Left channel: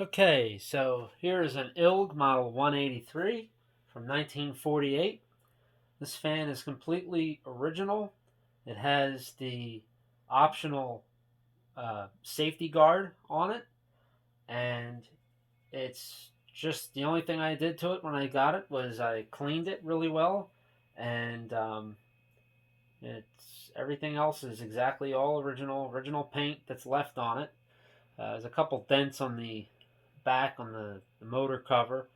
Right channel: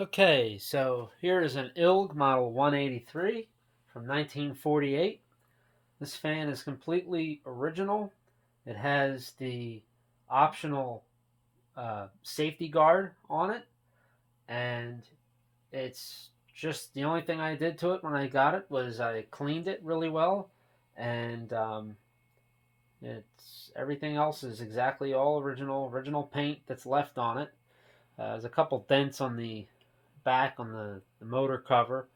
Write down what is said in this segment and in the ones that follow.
Okay, so here is an ILG model 183 from 1948. This fan is completely original. It has the optional safety guard on it, and it's just the only thing I did to it when I got it was I cleaned it really well, and it's everything else is exactly all original paint that's left on it. There's a couple dents on the back on the motor cover.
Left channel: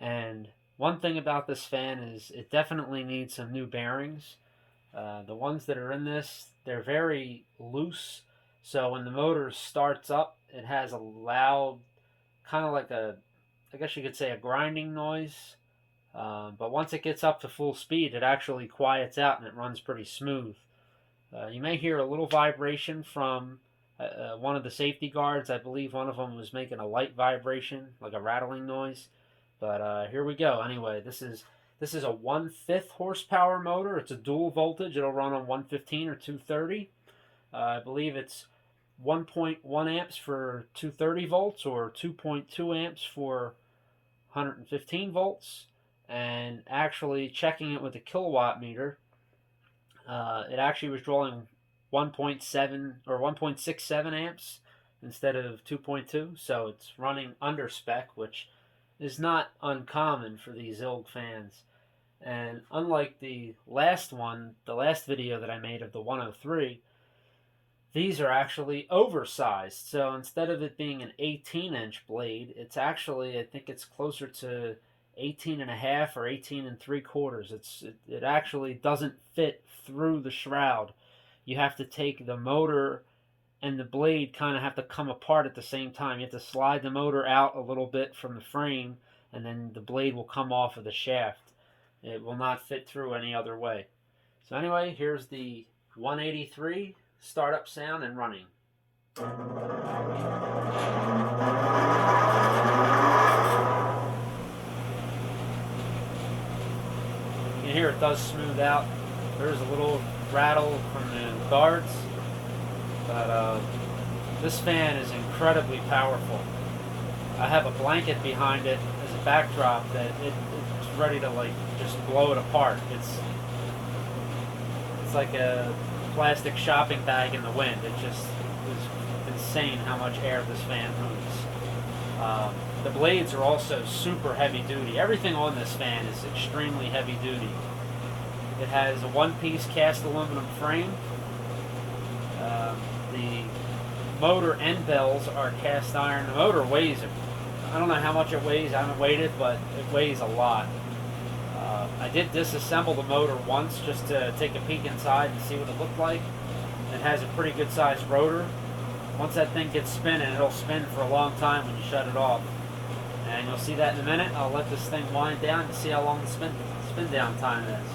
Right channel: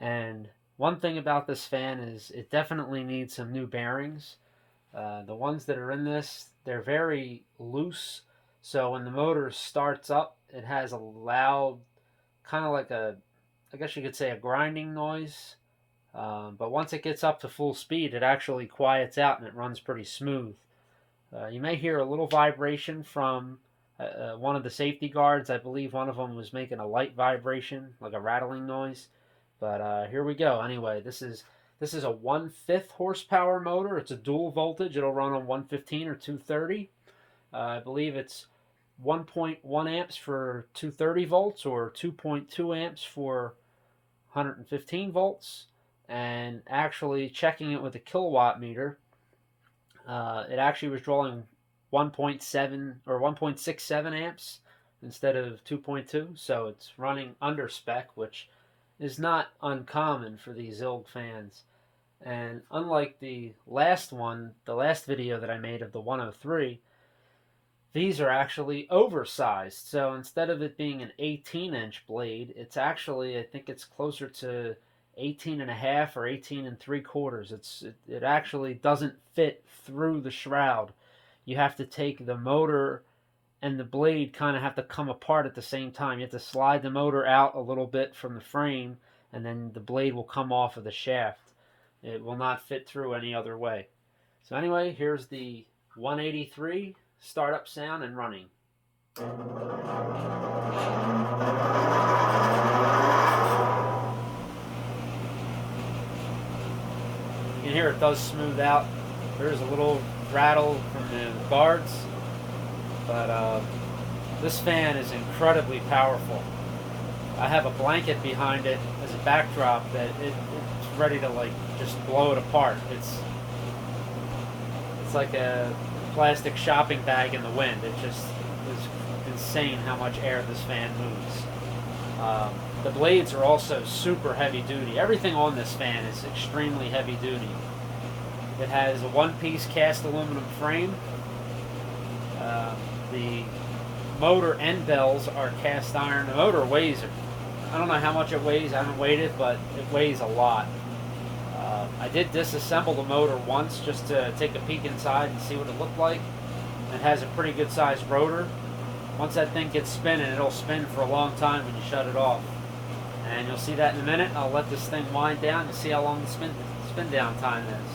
And one thing about this fan is it definitely needs some new bearings. The ones that are in this, they're very loose. So when the motor starts up, it has a loud, kind of like I guess you could say a grinding noise. But once it gets up to full speed, it actually quiets out and it runs pretty smooth. You may hear a little vibration from one of the safety guards. I believe one of them was making a light vibration, like a rattling noise. But here we go. Anyway, this is a 1/5 horsepower motor. It's a dual voltage. It'll run on 115 or 230. I believe it's 1.1 amps for 230 volts or 2.2 amps for 115 volts. And actually checking it with a kilowatt meter, it actually was drawing 1.7 or 1.67 amps instead of 2.2, so it's running under spec, which is not uncommon for these ILG fans. And unlike the last one, the last video that I made of the 103, these are actually oversized. So instead of it being an 18-inch blade, it's actually, I think it's closer to 18 and a half or 18 and 3/4. It actually doesn't fit through the shroud. You have to take the motor and the blade kind of have to come apart at the same time. You have to slide the motor out a little bit from the frame, and then the blade will come off of the shaft. It will not fit through any other way. So anyway, here's the 183 startup sound and running. You can hear it does smooth out. There's a little rattle from the guards, but this fan is incredibly powerful. I have a blanket behind it as a backdrop that it's ready to like just blow it apart. It's like a plastic shopping bag in the wind. It just is insane how much air this fan moves. The blades are also super heavy duty. Everything on this fan is extremely heavy duty. It has a one-piece cast aluminum frame. The motor end bells are cast iron. The motor weighs, I don't know how much it weighs. I haven't weighed it, but it weighs a lot. I did disassemble the motor once just to take a peek inside and see what it looked like. It has a pretty good sized rotor. Once that thing gets spinning, it'll spin for a long time when you shut it off. And you'll see that in a minute. I'll let this thing wind down and see how long the spin down time is.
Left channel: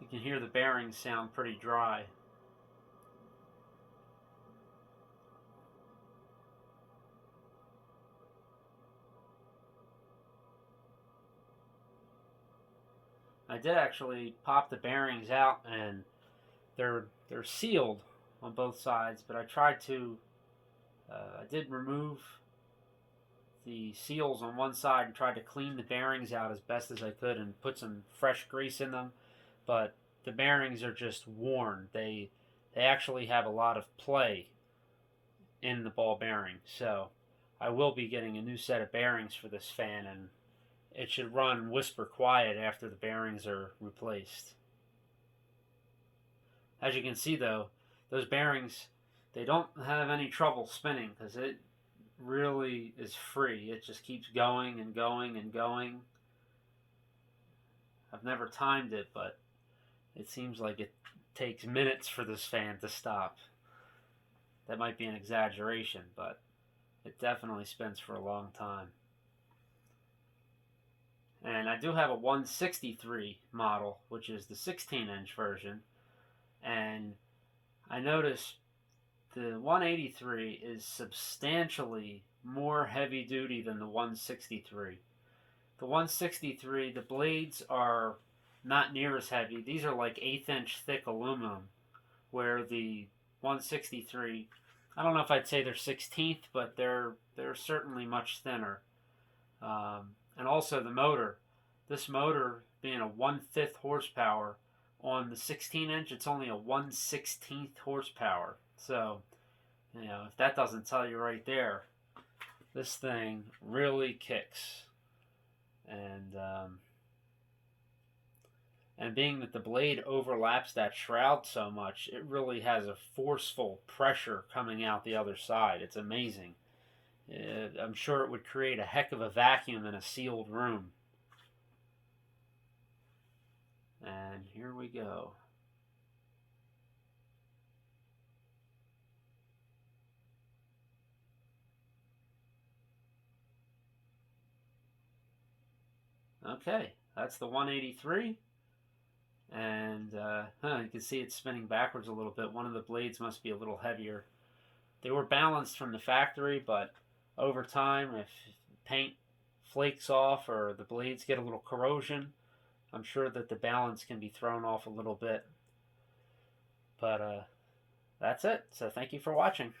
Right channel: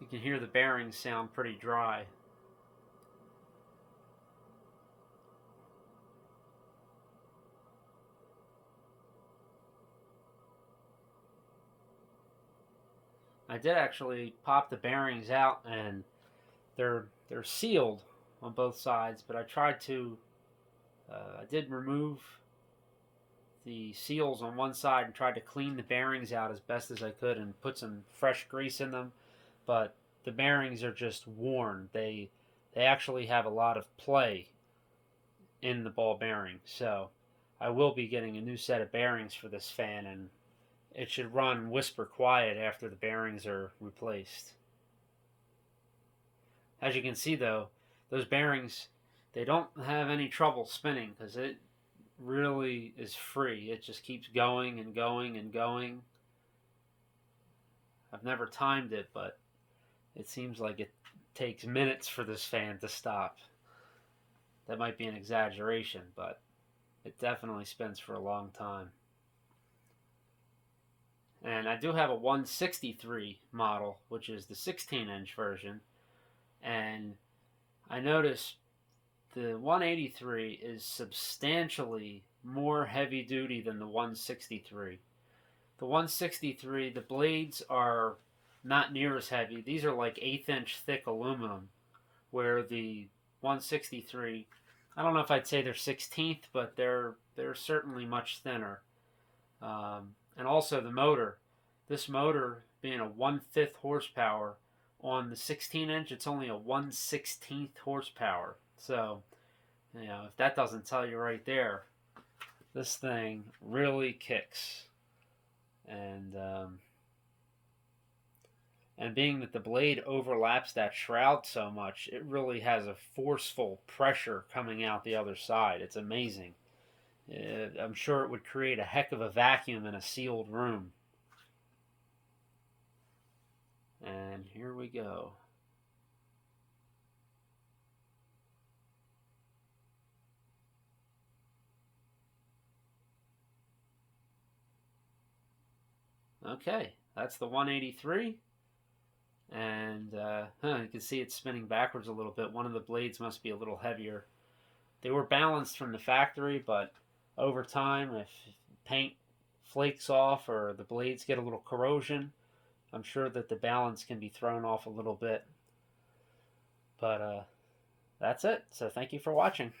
You can hear the bearings sound pretty dry. I did actually pop the bearings out, and they're sealed on both sides. But I did remove the seals on one side and tried to clean the bearings out as best as I could and put some fresh grease in them. But the bearings are just worn. They actually have a lot of play in the ball bearing. So I will be getting a new set of bearings for this fan, and it should run whisper quiet after the bearings are replaced. As you can see though, those bearings, they don't have any trouble spinning because it really is free. It just keeps going and going and going. I've never timed it, but it seems like it takes minutes for this fan to stop. That might be an exaggeration, but it definitely spins for a long time. And I do have a 163 model, which is the 16-inch version. And I noticed the 183 is substantially more heavy duty than the 163. The 163, the blades are not near as heavy. These are like 1/8 inch thick aluminum, where the 163, I don't know if I'd say they're 16th, but they're certainly much thinner. And also the motor. This motor being a 1/5 horsepower, on the 16 inch, it's only a 1/16 horsepower. So, if that doesn't tell you right there, this thing really kicks. And being that the blade overlaps that shroud so much, it really has a forceful pressure coming out the other side. It's amazing. I'm sure it would create a heck of a vacuum in a sealed room. And here we go. Okay, that's the 183. And you can see it's spinning backwards a little bit. One of the blades must be a little heavier. They were balanced from the factory, but over time, if paint flakes off or the blades get a little corrosion, I'm sure that the balance can be thrown off a little bit. But that's it. So thank you for watching.